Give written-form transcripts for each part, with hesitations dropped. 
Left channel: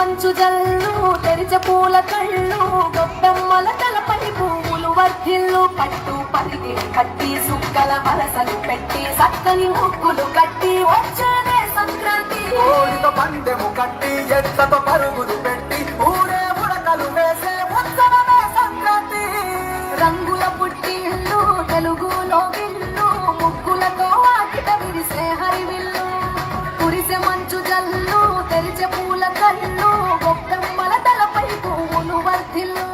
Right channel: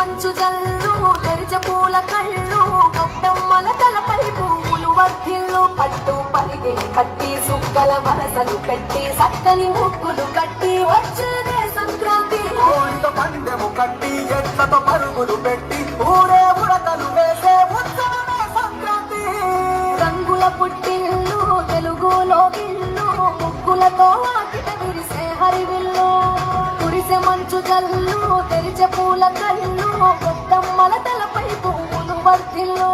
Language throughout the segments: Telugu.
మంచు జల్లు తెరిచ పూల కళ్ళు గొప్పమ్మల తలపై పువ్వులు వర్ధిల్లు పట్టు పరిగే పట్టి సుక్కల వలసలు పెట్టి సక్కని ముక్కులు కట్టి వచ్చేదే సంక్రాంతి కోడితో పందెము కట్టి ఎట్లతో పరుగులు పెట్టి ఊరే ఉడకలు వేసే ఉత్సవమే సంక్రాంతి రంగుల పుట్టిల్లు తెలుగులో విల్లు ముగ్గులతో వాకిట విరిసే హరివిల్లు కురిసె మంచు జల్లు తెరిచే పూల కళ్ళు గొప్పమ్మల తలపై పువ్వులు వర్ధిల్లు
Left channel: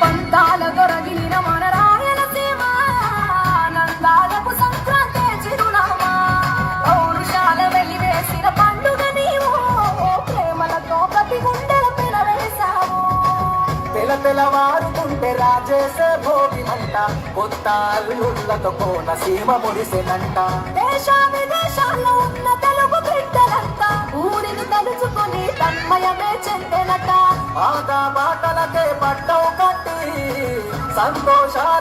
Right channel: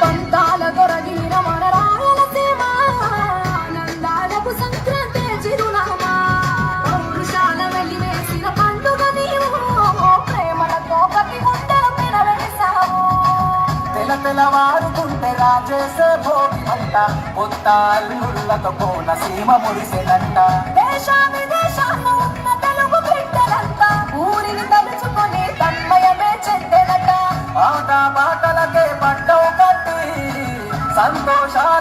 పంతాల దొరవిన మన రాయలసీమ ఆనందాలకు సంక్రాంతి చిరునామా పౌరుషాల వెలివేసిన పండుగ నీవు ప్రేమలతో ప్రతి గుండెల పెనవేశావు తెలవారుతుంటే రాజేసే భోగి మంట కొత్త అల్లుళ్ళతో కోన సీమ మురిసెనంట దేశ విదేశాల్లో ఉన్న తెలుగు బిడ్డలంతా ఊరిని తలుచుకొని తన్మయమే చెందెనట ఆట పాటలకే పట్టవు కట్టి సంతోషాల